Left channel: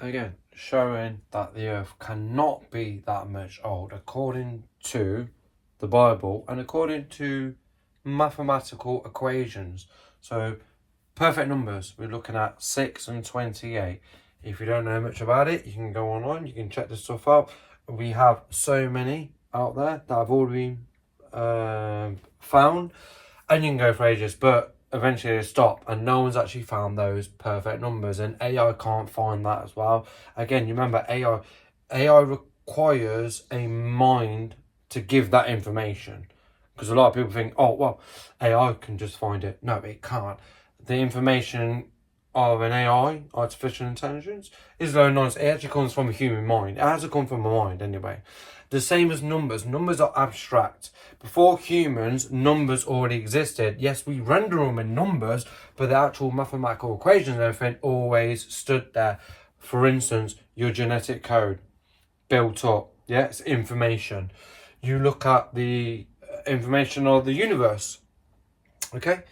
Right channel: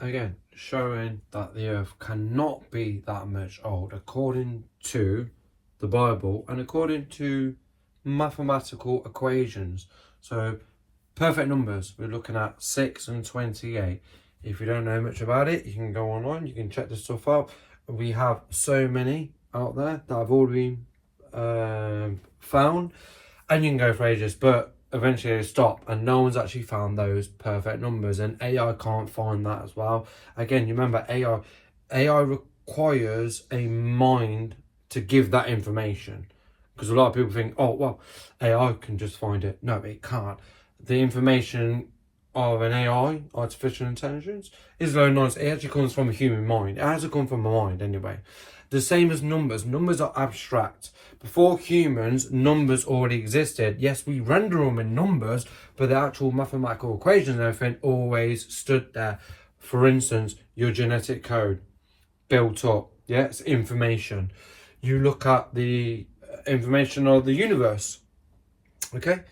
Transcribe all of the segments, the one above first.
again, showing that the earth cannot be that much old according to the Bible and according to mathematical equations. So perfect numbers, we're looking at 6 and 28. If you don't know much about it, you can go online, you can check this stuff out. We have so many out there that have already been found, and you can go for ages, but eventually they stop, and no one's actually found those perfect numbers, and AI can't find that as well. Again, you remember AI requires a mind to give that information, because a lot of people think, oh well, AI can just find it. No, it can't. The information of an AI, artificial intelligence, is low knowledge. It actually comes from a human mind. It has to come from a mind anyway. The same as numbers. Numbers are abstract. Before humans, numbers already existed. Yes, we render them in numbers, but the actual mathematical equations and everything always stood there. For instance, your genetic code built up. Yeah, it's information. You look at the information of the universe. Okay?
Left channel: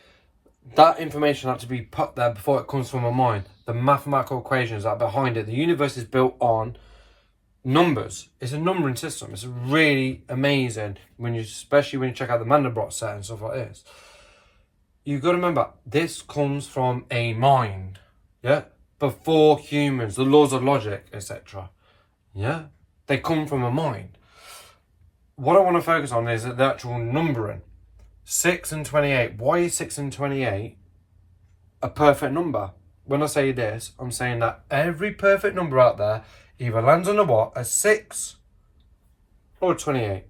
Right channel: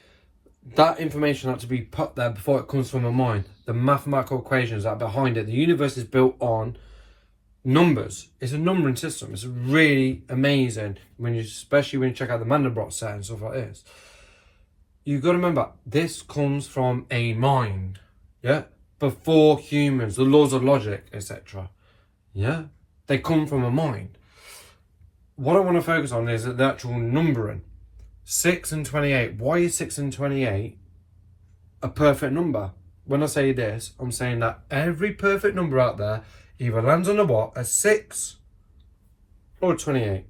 That information had to be put there before it comes from a mind. The mathematical equations that are behind it. The universe is built on numbers. It's a numbering system. It's really amazing especially when you check out the Mandelbrot set and stuff like this. You've got to remember, this comes from a mind. Yeah? Before humans, the laws of logic, etc. Yeah? They come from a mind. What I want to focus on is the actual numbering. 6 and 28. Why is 6 and 28 a perfect number? When I say this, I'm saying that every perfect number out there either lands on a 6 or a 28.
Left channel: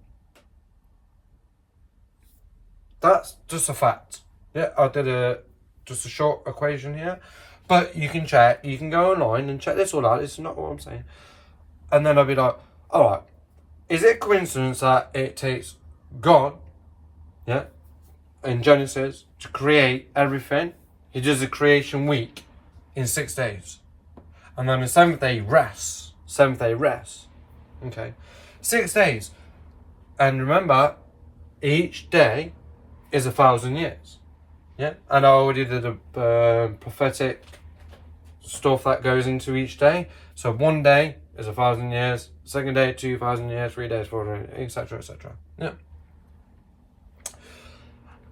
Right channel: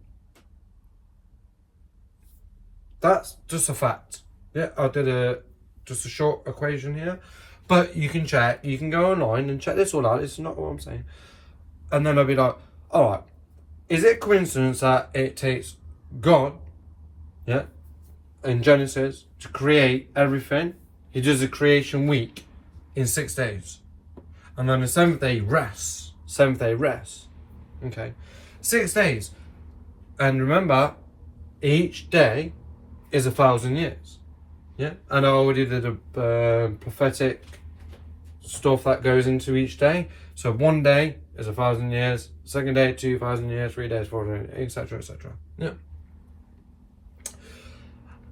That's just a fact. Yeah, I did just a short equation here. But you can check, you can go online and check this all out. It's not what I'm saying. And then I'll be like, alright, is it coincidence that it takes God, yeah, in Genesis to create everything? He does a creation week in 6 days. And then the seventh day rests. Seventh day rest. Okay. 6 days. And remember, each day is 1,000 years. Yeah. And I already did a prophetic stuff that goes into each day. So one day is 1,000 years. Second day, 2,000 years. 3 days, 4 days, etc., etc. Yeah.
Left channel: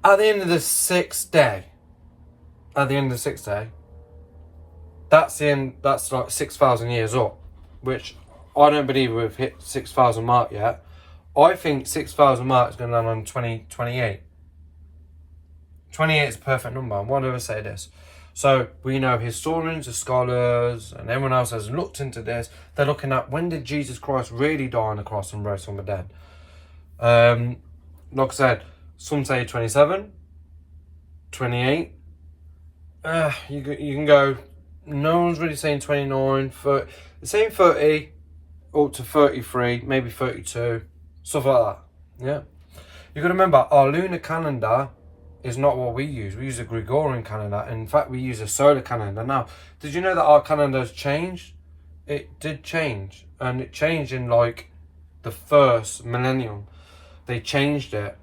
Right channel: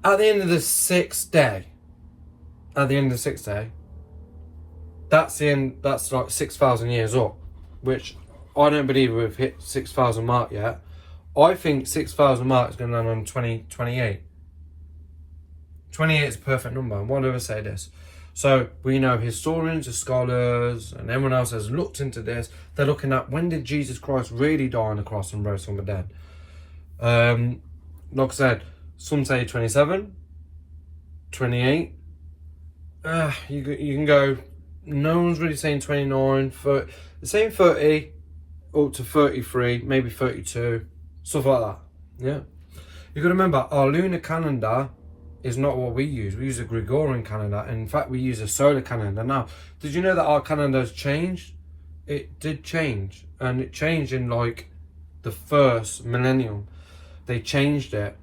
At the end of the 6th day, that's like 6,000 years up, which I don't believe we've hit 6,000 mark yet. I think 6,000 mark is going to land on 2028. 28 is a perfect number. Why do I say this? So we know historians, the scholars, and everyone else has looked into this. They're looking at, when did Jesus Christ really die on the cross and rose from the dead? Like I said, some say 27, 28. You can go, no one's really saying 29, 30. They're saying 30 up to 33, maybe 32, stuff like that. Yeah. You've got to remember, our lunar calendar is not what we use. We use a Gregorian calendar. And in fact, we use a solar calendar. Now, did you know that our calendar has changed? It did change. And it changed in like the first millennium. They changed it.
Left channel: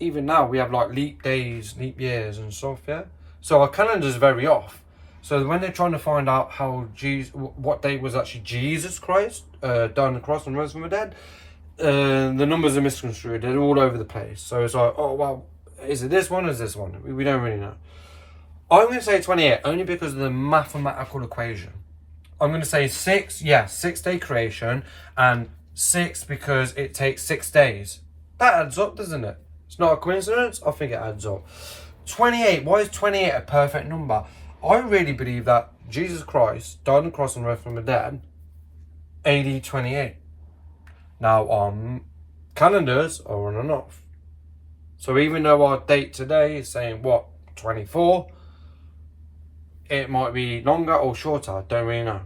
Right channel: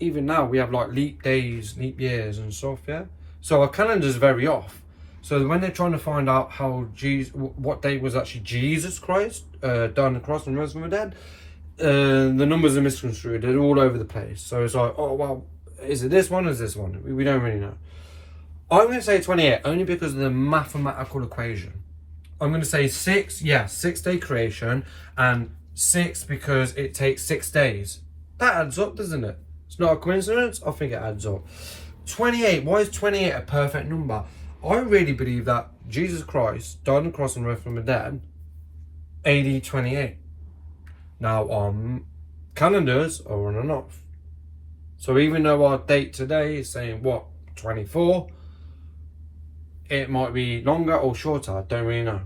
Even now, we have like leap days, leap years and stuff, yeah? So our calendar is very off. So when they're trying to find out what day was actually Jesus Christ died on the cross and rose from the dead, the numbers are misconstrued. They're all over the place. So it's like, oh, well, is it this one or is this one? We don't really know. I'm going to say 28 only because of the mathematical equation. I'm going to say 6, yeah, 6 day creation, and 6 because it takes 6 days. That adds up, doesn't it? It's not a coincidence. I think it adds up. 28. Why is 28 a perfect number? I really believe that Jesus Christ died on the cross and rose from the dead AD 28. Now, calendars are on and off. So even though our date today is saying, what, 24, it might be longer or shorter. I don't really know.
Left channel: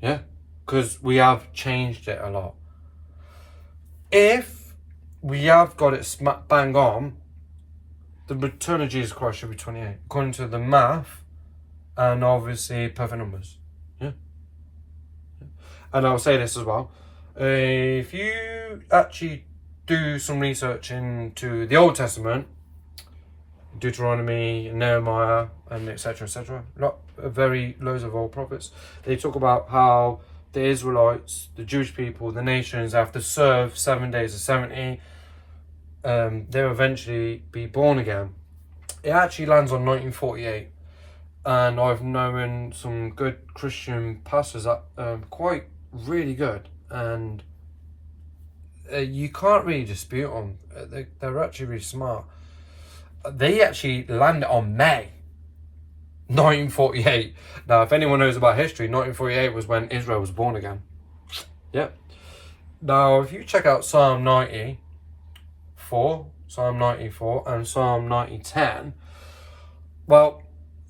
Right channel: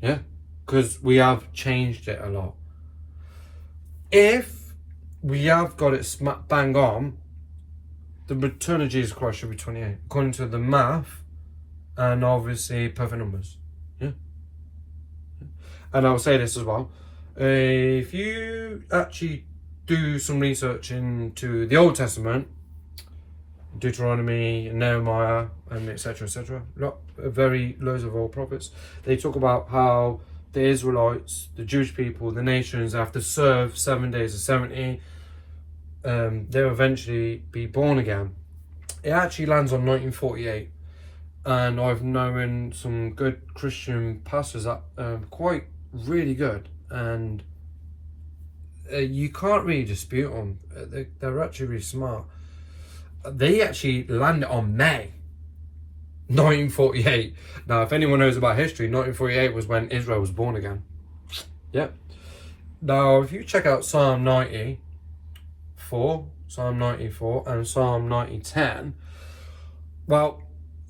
Yeah? Because we have changed it a lot. If we have got it smack bang on, the return of Jesus Christ should be 28, according to the math and obviously perfect numbers. Yeah. And I'll say this as well. If you actually do some research into the Old Testament, Deuteronomy, Nehemiah, and etc., etc., very loads of old prophets. They talk about how the Israelites, the Jewish people, the nations, have to serve 7 days of 70. They'll eventually be born again. It actually lands on 1948. And I've known some good Christian pastors that are quite really good. And you can't really dispute them. They're actually really smart. They actually landed on May 1948. Now, if anyone knows about history, 1948 was when Israel was born again. Yep. Now, if you check out Psalm 94, and Psalm 90:10, well,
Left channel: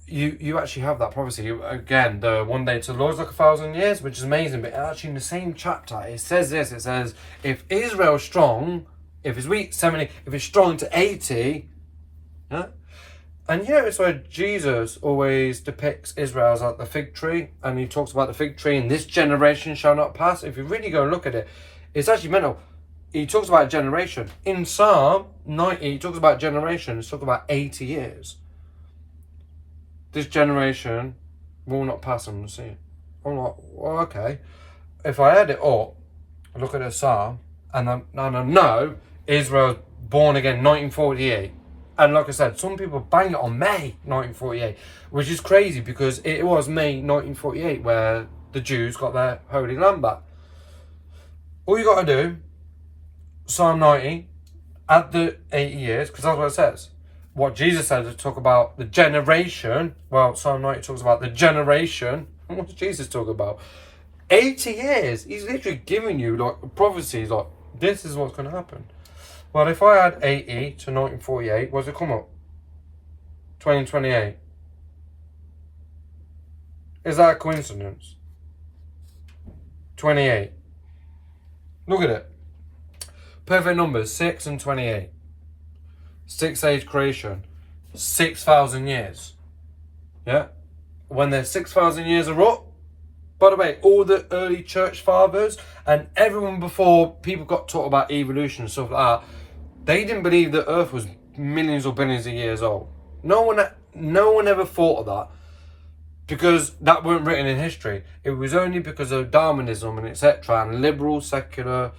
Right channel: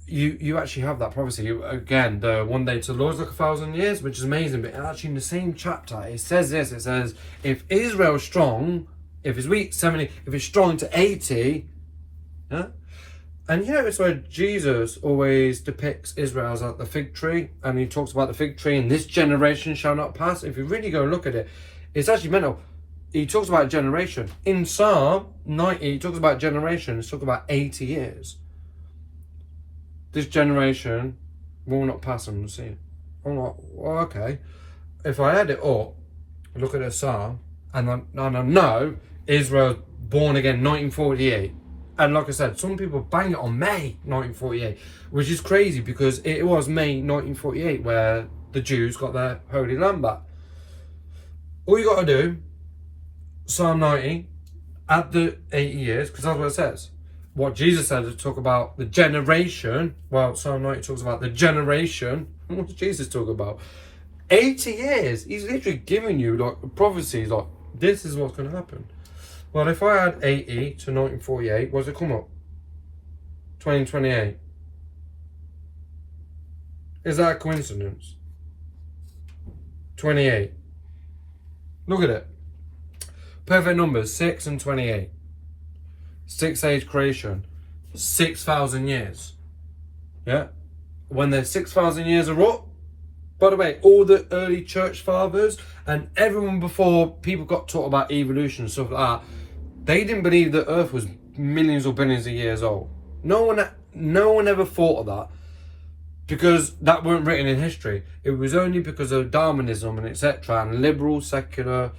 you actually have that prophecy. Again, the one day to the Lord is like 1,000 years, which is amazing. But actually in the same chapter, it says this. It says, if Israel is strong, if it's weak, 70, if it's strong to 80, huh? And you notice where Jesus always depicts Israel as like the fig tree, and he talks about the fig tree, and this generation shall not pass. If you really go and look at it, it's actually mental. He talks about a generation. In Psalm 90, he talks about generation. He's talking about 80 years. This generation will not pass them the sea. I'm like, well, okay. If I add it up, I look at the Psalm, and I know Israel's born again 1948. And like I said, some people bang it on May 1948, which is crazy because it was May 1948 where the Jews got their Holy Land back. All you got to do, Psalm 90, add the 80 years, because that's what it says. What Jesus said to talk about the generation. Well, Psalm 90 talks about the generation. And what does Jesus talk about? 80 years. He's literally giving you like prophecies, like this is what's going to happen. Well, if I add 80 to 1948, what does it come up? 2028. Is that a coincidence? 28. Look at it. Perfect numbers, 6 and 28. 6 age creation, 6,000 years. Yeah? When their 6,000 years are up, by the way, all the early church fathers and everyone before people got taught about evolution and stuff like that, they didn't believe the earth was millions or billions of years old. No one ever thought of that because that weren't written in history. It was only because of Darwinism and etc. and liberal, secular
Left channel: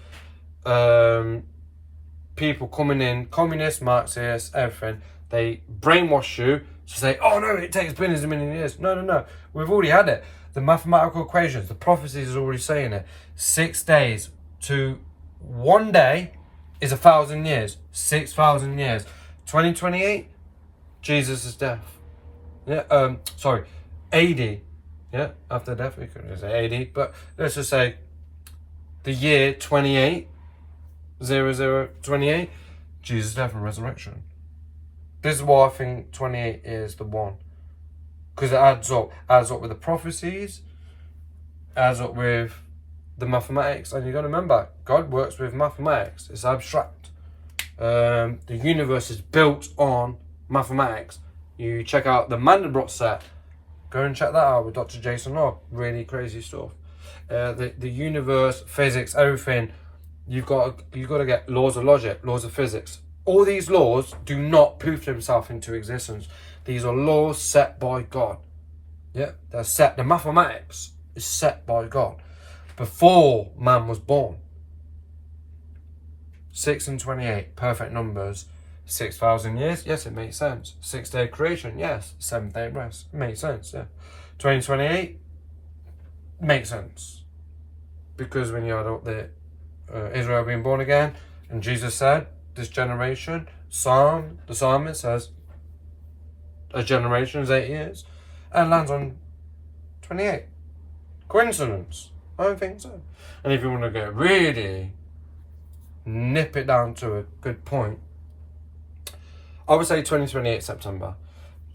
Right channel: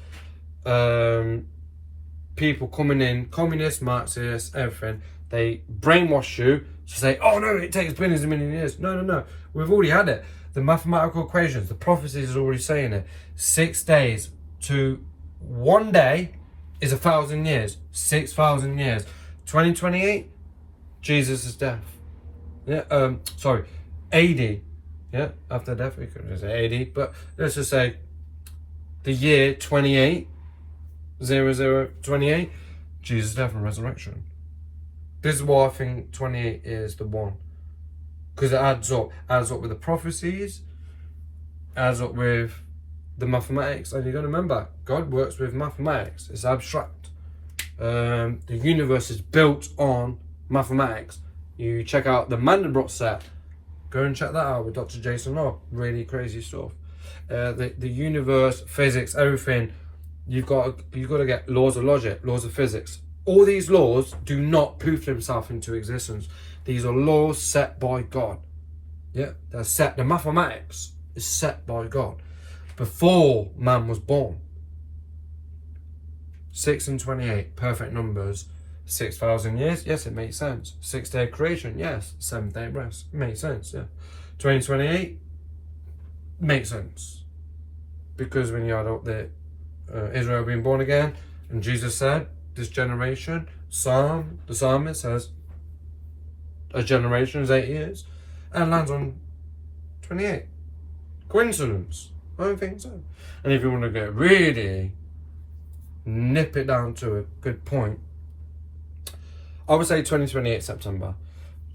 people coming in, communists, Marxists, everything. They brainwash you to say, oh no, it takes billions and millions of years. No. We've already had it. The mathematical equations, the prophecies are already saying it. 6 days to 1 day is 1,000 years. 6,000 years. 2028, Jesus' death. Yeah, AD. Yeah, after death, we could just say AD. But let's just say the year 28, 0028, Jesus' death and resurrection. This is why I think 28 is the one. Because it adds up with the prophecies, adds up with the mathematics. And you got to remember, God works with mathematics. It's abstract. The universe is built on mathematics. You check out the Mandelbrot set. Go and check that out with Dr. Jason Law. Really crazy stuff. The universe, physics, everything. You've got to get laws of logic, laws of physics. All these laws do not poof themselves into existence. These are laws set by God. Yeah, they're set. The mathematics is set by God before man was born. 6 and 28, perfect numbers. 6,000 years, yes, it makes sense. 6 day creation, yes. 7th day rest, makes sense. Yeah. 2028 makes sense because when you add up the Israel being born again, and Jesus said, this generation, the psalmist says, a generation is 8 years, and lands on 28. Coincidence? I don't think so. And if you want to get really nip it down to a good point, I would say 2028 September.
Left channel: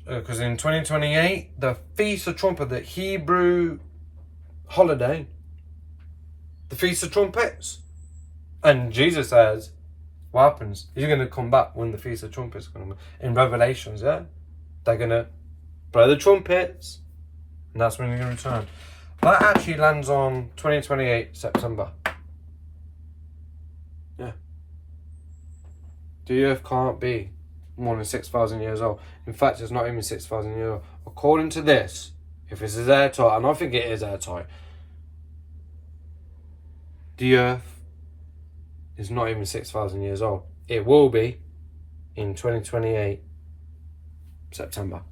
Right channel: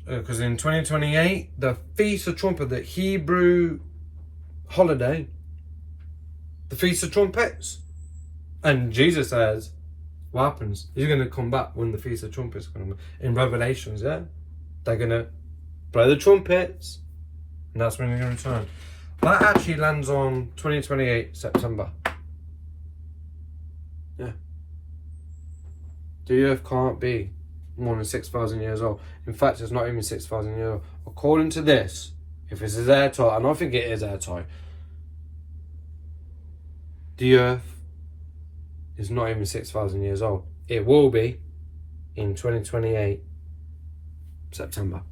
Because in 2028, the Feast of Trumpet, the Hebrew holiday, the Feast of Trumpets. And Jesus says, what happens? He's going to come back when the Feast of Trumpets come. In Revelations, yeah? They're going to blow the trumpets. And that's when they're going to return. That actually lands on 2028 September. Yeah. The earth can't be more than 6,000 years old. In fact, it's not even 6,000 years old. According to this, if this is airtight, and I think it is airtight, the Earth is not even 6,000 years old. It will be in 2028, September.